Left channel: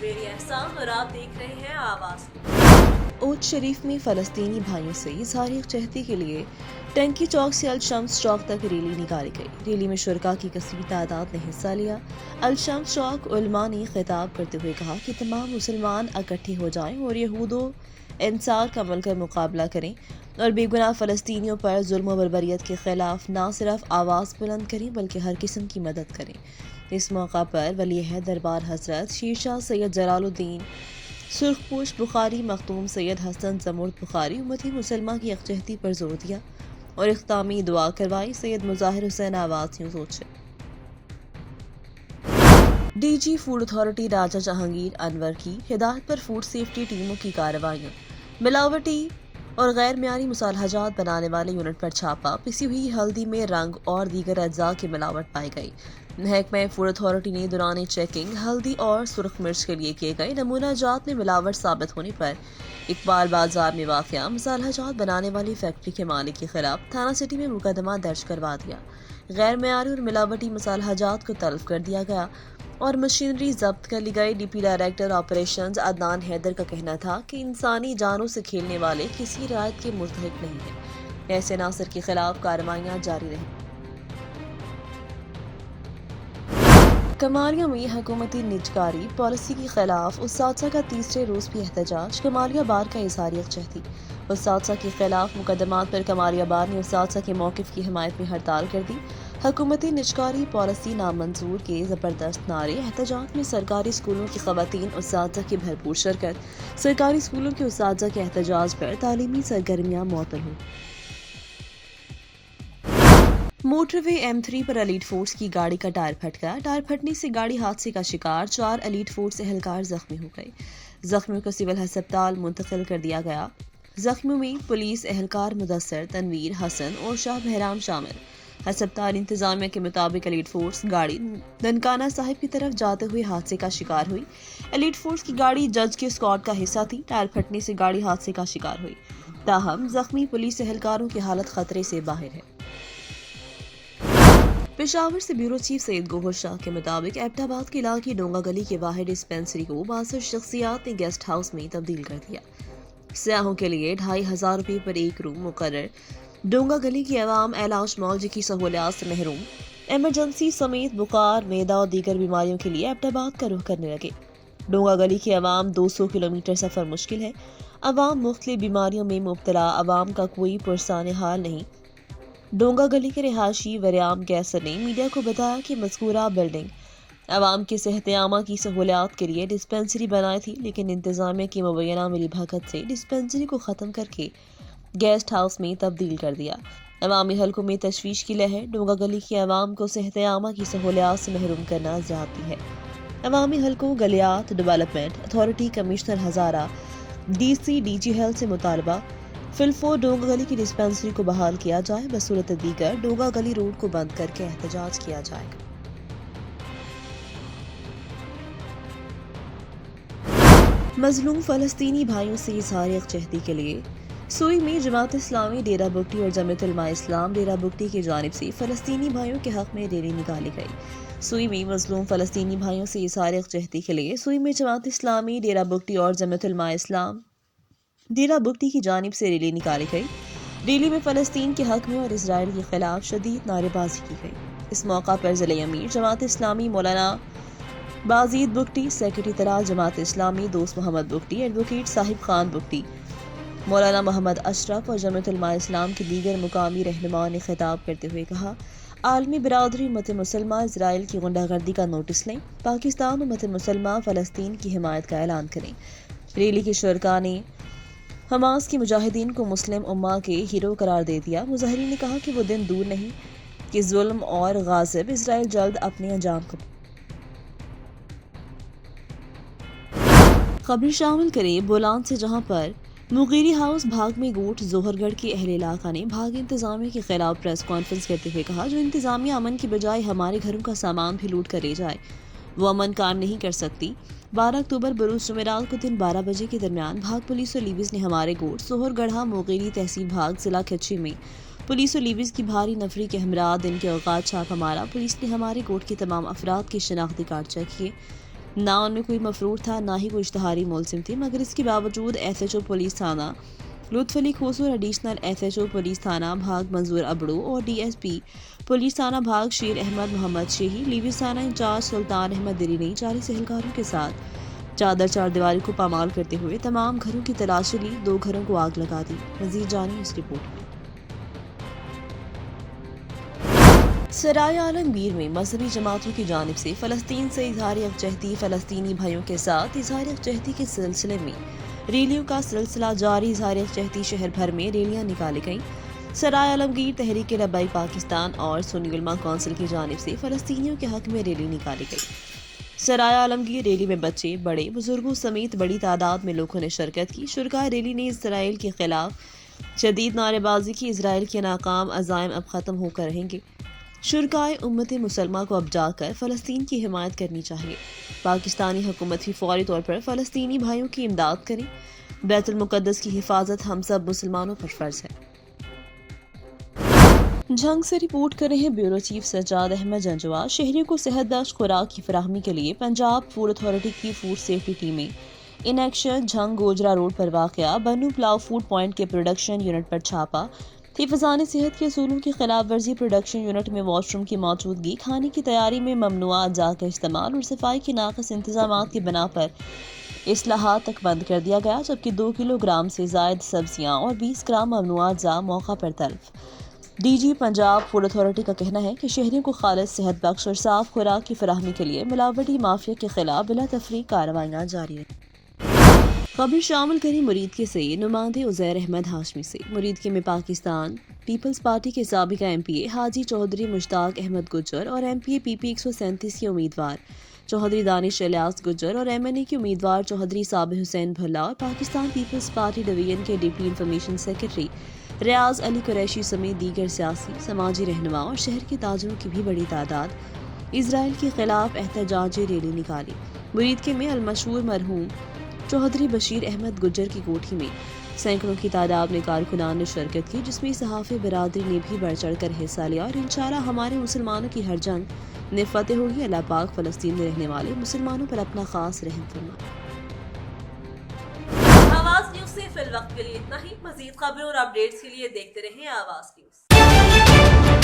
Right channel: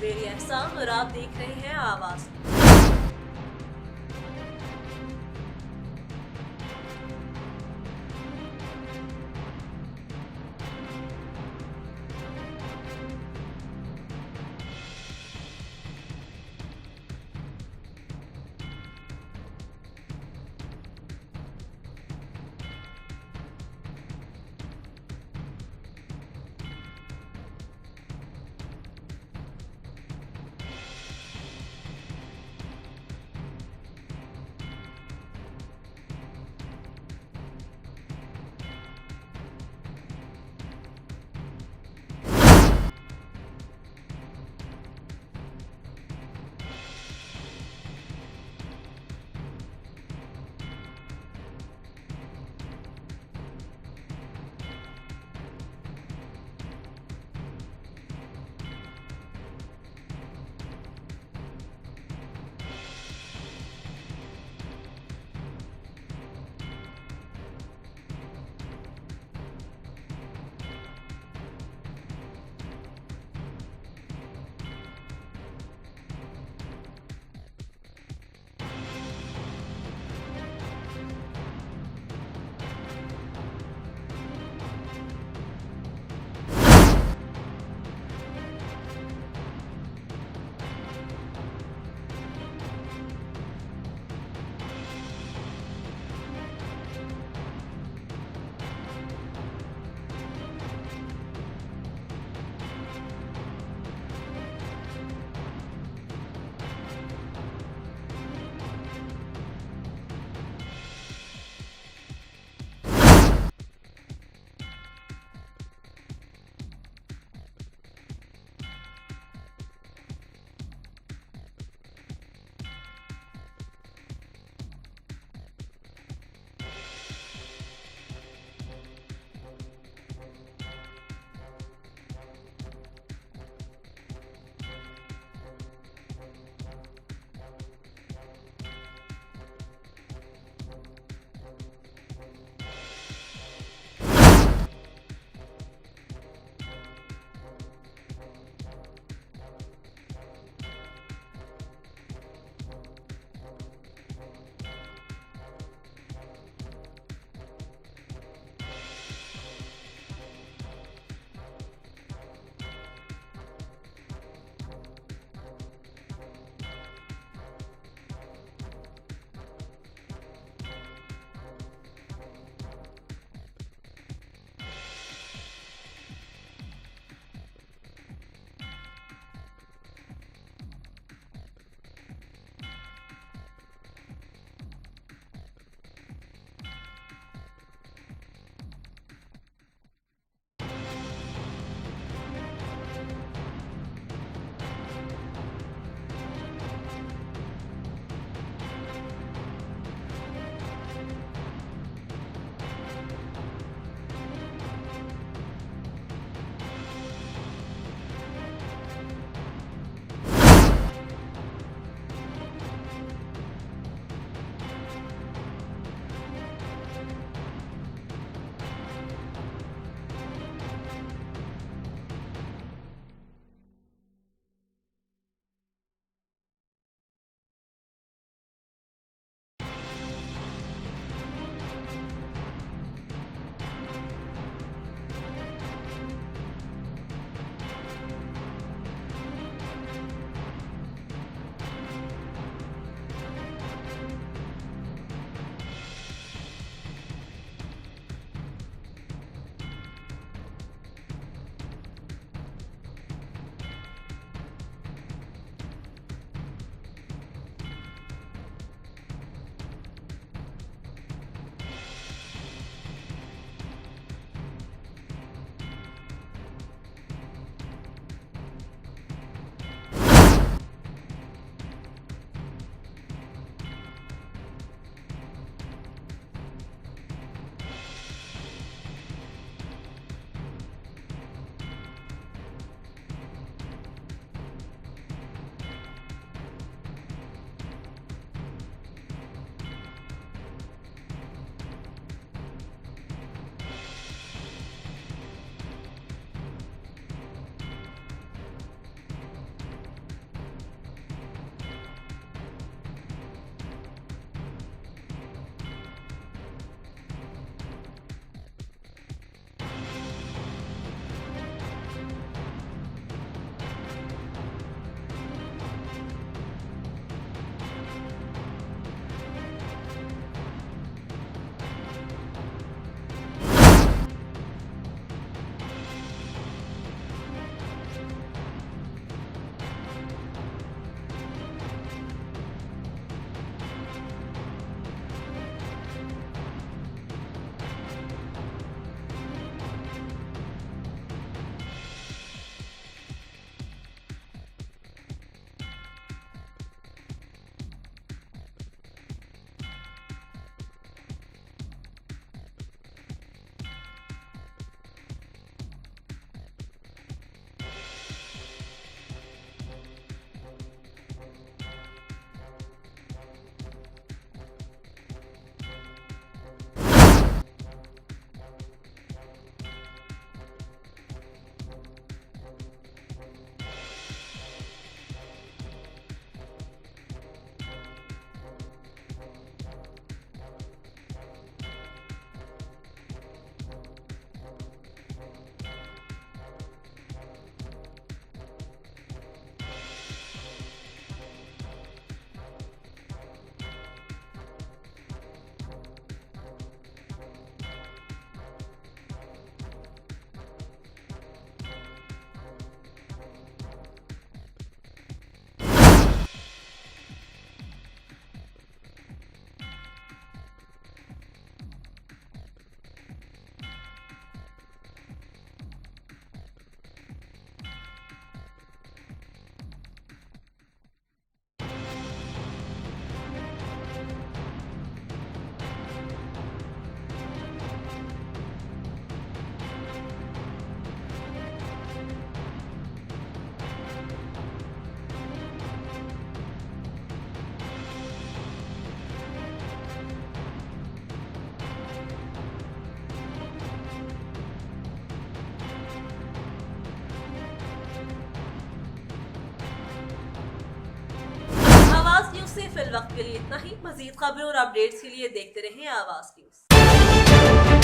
मेरी एहसान और आप देख रहे हैं आवाज। ओट शरीफ में फ़लस्तीनी भाइयों से इज़हार यकजहती के लिए टंकी चौक से अल-शम्स चौक तक रैली निकाली गई। रैली में शुरका की कसीर तादाद ने हिस्सा लिया। अल-शम्स चौक उलमा ने खिताब करते हुए कहा कि तमाम मुसलमान इकट्ठे हो जाएं और यहूदो इंसार का मिलकर मुकाबला करें और बेगुनाह फ़लस्तीनियों पर जुल्म व बर्बरियत के ख़िलाफ़ न सिर्फ आवाज़ बुलंद करें बल्कि हर किस्म की मदद करें। इस मौका पर वली अहद दरबार हज़रत शीरशाह सैयद जलालुद्दीन सुर्खपोश बुखारी मखदूम सैयद हसन जमुर्द बुखारी उम्मती मुसलमान की यकजहती पर जोर दिया और इख्तामी दुआ करवाई। सैयद मुजाहिर हुसैन आवाज़ न्यूज़ से डीजी फूड अथॉरिटी राजा जहांगीर अनवर की हिदायत पर फूड सेफ्टी टीमों की कार्रवाइयाँ। मिलावटी और गैर मियारी मुसालहजात बनाने वाले यूनिट पर छापा। पिसी हुई हल्दी में रंग और दीगर अज्जा की मिलावट पाई गई। महकमा फूड अथॉरिटी ने दौरान चेकिंग हल्दी और सुर्ख मिर्च के लिए किए गए नमूना जात में मिलावट साबित होने पर इकबाल बाजार में वाक़या मसालहजात बनाने वाली फैक्ट्री के मालिक के खिलाफ थाना सिटी में मुकदमा दर्ज करवा दिया। गैर मियारी और मिलावटी मसालहजात को तलब कर दिया गया और मशीनरी जब्त कर ली गई। DP director operations Adnan Haider का कहना था कि इंसानी जानों से खेलने वाले किसी रियायत के मुस्तहिक नहीं है। ऐसे नासर के खिलाफ कार्रवाइयां जारी रहीं। कमालिया में हुकूमती निजकारी पॉलिसी के खिलाफ उस्तादसा का तीसरे रोज भी एहतजाज। कमालिया बार का इज़हार यकजहती। उस्तादसा के खिलाफ मुकदमात पर कमालिया बार ने उस्तादसा के मौक़िफ़ की हिमायत में हड़ताल कर दी। हुकूमती निजकारी पॉलिसी नामंजूर के ज़बरदस्त नारे। एहतजाज में सरकारी स्कूलों की ख़वातीन उस्तादसा की भरपूर शिरकत। सरकारी स्कूलों के उस्तादसा के एहतजाज पर तालीमी सरगर्मियाँ मुअत्तल हुई। मोटरवे M3 पर एलीट फोर्स की गाड़ी का टायर फट गया। टायर फटने से गाड़ी हादसे का शिकार 4 एलीट फोर्स एहलकार जख्मी हो गए। जख्मियों को सिविल अस्पताल मुंतकिल कर दिया गया। जख्मियों में पुलिस एहलकार मुदस्सर, तनवीर, हसन और शाह बहराम शामिल। अस्पताल इंतजामिया के मुताबिक एलीट फोर्स गाड़ी ननकाना साहिब की तरफ जाते हुए हादसे का शिकार हुई। एलीट फोर्स की गाड़ी जज के स्क्वाड का हिस्सा थी। टायर फटने से गाड़ी हादसे का शिकार हुई। ताहम जख्मी पुलिस एहलकारों की हालत खतरे से बाहर है। पेशावर से ब्यूरो चीफ सैयद गोहर शाह के मुताबिक एबटाबाद के इलाके डोंगा गली के वाहिद डिस्पेंसरी को 62 शख्सियात ने गेस्ट हाउस में तब्दील कर दिया। सयाहों के लिए 2500 रुपये पर एक रूम मुकर्रर। डोंगा गली की अवाम इलाज मौलजी की सहूलियात से महरूम। एमरजेंसी समेत बुखार, मैदा और दीगर बीमारियों के लिए एबटाबाद का रुख करने लगे। डोंगा गली की अवाम 200 किलोमीटर सफ़र मुश्किल है। अवाम मुख्तलिफ बीमारियों में मुब्तला। अवाम का कोई पुरसान हाल नहीं। डोंगा गली के रिहायशी वरियाम कैसर ने मीडिया को बताया कि मज़कूरा बिल्डिंग अवाम की सेहत आमा की सहूलियात के लिए डिस्पेंसरी बनाई थी, लेकिन इंतजामिया की मुबैना मिली भगत से डिस्पेंसरी को ख़त्म करके गेस्ट हाउस में तब्दील कर दिया। अवामी हल्कों में तशवीश की लहर। डोंगा गली की अवाम को सेहत आमा की सहूलियात से महरूम करना ज़्यादती है। अवामी हल्कों गलियात डेवलपमेंट अथॉरिटी कमिश्नर हज़ारा DC DG हेल्थ से मुतालबा फिलफोर डोंगा गली की डिस्पेंसरी को बहाल किया जाए। बसूरत दीगर डोंगा गली रोड को बंद करके एहतजाज किया जाएगा। मजलूम फ़लस्तीनी भाइयों से इज़हार यकजहती के लिए सुई में जमात इस्लामी, डेरा बुगटी और जमीयत उलमा इस्लाम डेरा बुगटी की जानिब से फ़लस्तीनी भाइयों के हक़ में रैली निकाली गई। सुई में मजलूम फ़लस्तीनी भाइयों से इज़हार यकजहती के लिए सुई में जमात इस्लामी, डेरा बुगटी और जमीयत उलमा इस्लाम डेरा बुगटी की जानिब से रैली निकाली गई। रैली में फ़लस्तीन के हक़ में और इजराइल के खिलाफ शदीद नारेबाजी की गई। इस मौका पर ज़िले अमीर जमात इस्लामी मौलाना बाजीद बुगटी, सेक्रेटरी तराज जमात इस्लामी दोस्त मोहम्मद बुगटी, एडवोकेट साहिब खान बुगटी, मौलाना मोहम्मद अशरफ और जमीयत उलमा इस्लाम के दीगर मुकामी रहनुमाओं ने खिताब करते हुए कहा, आलमी बिरादरी उम्मत मुसलमान इजराइल की गुंडागर्दी का नोटिस लें। पाकिस्तान उम्मत मुसलमान फ़लस्तीन की हिमायत का ऐलान करें। रैली के शुरका ने हमास के मुजाहिदीन को मुस्लिम उम्मा के हीरो करार दे दिया। मुजाहिदीन ने कहा कि वो दिन दूर नहीं कि जुल्म और गाज़िब इजराइल जल्द अपने अंजाम को खबरें शामिल करें बोलान से, जहां पर मुगीरी हाउस भाग में गोट जोहरगढ़ के अहले इलाका ने भाग इंतजामिया के खिलाफ प्रेस कॉन्फ्रेंस करते हुए कहा, जो इंतजामिया अमन की बजाय हमारे घरों का सामान भी लूट कर ले जाए वो अमन काम नहीं कर सकती। 12 अक्टूबर बरूज जुमेरात को दिन 12 बजे के दरमियान भाग पुलिस और लीविस ने हमारे गोट सोहरगढ़ा मोगेरी तहसील भाग जिला खच्ची में पुलिस और लीविस की भारी नफरी के हमरा दिन के औकात छापा मारा। पुलिस ने हमारे गोट के तमाम अफराद के शनाख्ती कार्ड चेक किए। نہ उनमें कोई मफरूर था, ना ही कोई इश्तहारी मुलजिम थे, मगर इसके बावजूद SHO पुलिस थाना लुत्फ अली खोसू और एडिशनल SHO पुलिस थाना भाग मंजूर अबड़ू और DSP पुलिस थाना भाग शेर अहमद मोहम्मद शेही, लीविस थाना इंचार्ज सुल्तान अहमद दिली ने 40 एहलकारों के साथ चादर चार दीवारी को पामाल करते हुए तमाम घरों की तलाशी ली, 2 घरों को आग लगा दी। मजीद जानिए इस रिपोर्ट में। सराय आलमगीर में मजहबी जमातों की जानिब से फ़लस्तीन से इजहार यकजहती फ़लस्तीनी भाइयों के साथ इजहार यकजहती के सिलसिले में रैलियों का सिलसिला जारी। इजहार यकजहती शहर भर में रैलियां निकाली गईं। सराय आलमगीर तहरीक लब्बैक पाकिस्तान और सुन्नी उलमा कौंसिल की जानिब से फ़लस्तीनियों के हक में रैली निकाली गई। सराय आलमगीर रैली में बच्चे, बड़े, बुजुर्गों समेत बड़ी तादाद में लोगों ने शिरकत की। शुरकाए रैली ने इसराइल के खिलाफ शदीद नारेबाजी की। इसराइल के नाकाम अज़ाइम अब ख़त्म होकर रहेंगे। शुरकाए उम्मत मुसलमा को अब जाकर फ़लस्तीन की हिमायत करनी चाहिए। पाकिस्तानी हुकूमत भी फौरी तौर पर फ़लस्तीनी भाइयों की इमदाद करें। बैतुल मुक़द्दस की हिफाजत हम सब मुसलमानों पर फ़र्ज है। झंग से रिपोर्ट कर रहे हैं ब्यूरो चीफ सज्जाद अहमद जंजवा। शहरियों को सेहत बख्श खुराक की फराहमी के लिए पंजाब फूड अथॉरिटी की फूड सेफ्टी टीमें in action Jhang Gojra road पर वाक़या बन्नू पुलाव फूड पॉइंट के प्रोडक्शन यूनिट पर छापा। हिफ़ाज़ान सेहत के असूलों की खिलाफ वर्जी। प्रोडक्शन यूनिट में वॉशरूम की मौजूदगी, खाने की तैयारी में ममनुआ अज्जा का इस्तेमाल और सफाई के नाक़िस इंतज़ामात की बिना पर इस्लाहात तक बंद कर दिया गया, जबकि 2 किलोग्राम से ज़ायद सब्जियां और 20 ग्राम ममनुआ अज्जा मौका पर तल्फ। DG पंजाब फूड अथॉरिटी का कहना है कि शहरियों को खालिस सेहत बख्श और साफ खुराक की फराहमी के लिए मिलावटी माफिया के खिलाफ बिला तफरीक कार्रवाइयाँ जारी हैं। खबर शामिल करें मुरीद के से नुमाइंदे उज़ैर अहमद हाशमी से। मुरीद के में पाकिस्तान पीपल्स पार्टी के साबिका MPA हाजी चौधरी मुश्ताक अहमद गुज्जर और MPA PP 137 के उम्मीदवार चौधरी दानिश इलियास गुज्जर और MNA के उम्मीदवार चौधरी साबिर हुसैन भल्ला और पाकिस्तान पीपल्स पार्टी डिवीजन के डिप्टी इंफॉर्मेशन सेक्रेटरी रियाज अली कुरैशी समेत दीगर सियासी समाजी रहनुमा और शहर के ताजरों की भी बड़ी तादाद इसराइल के खिलाफ एहतजाजी रैली निकाली। मुरीद के में अलमशहूर मरहूम चौधरी बशीर अहमद गुज्जर की कोठी में सैकड़ों की तादाद में कारकुनान ने शिरकत की, जिसमें सहाफ़ी बिरादरी ने भी बढ़ चढ़ कर हिस्सा लिया और इंशाअल्लाह हमारे मुसलमानों की हर जंग में फतेह होगी। अल्लाह पाक फ़लस्तीन में रहने वाले मुसलमानों पर अपना खास रहम फरमाए। आवाज़ न्यूज़ से फिल वक्त के लिए इतना ही। मज़ीद खबरों और अपडेट्स के लिए देखते रहें आवाज़ न्यूज़।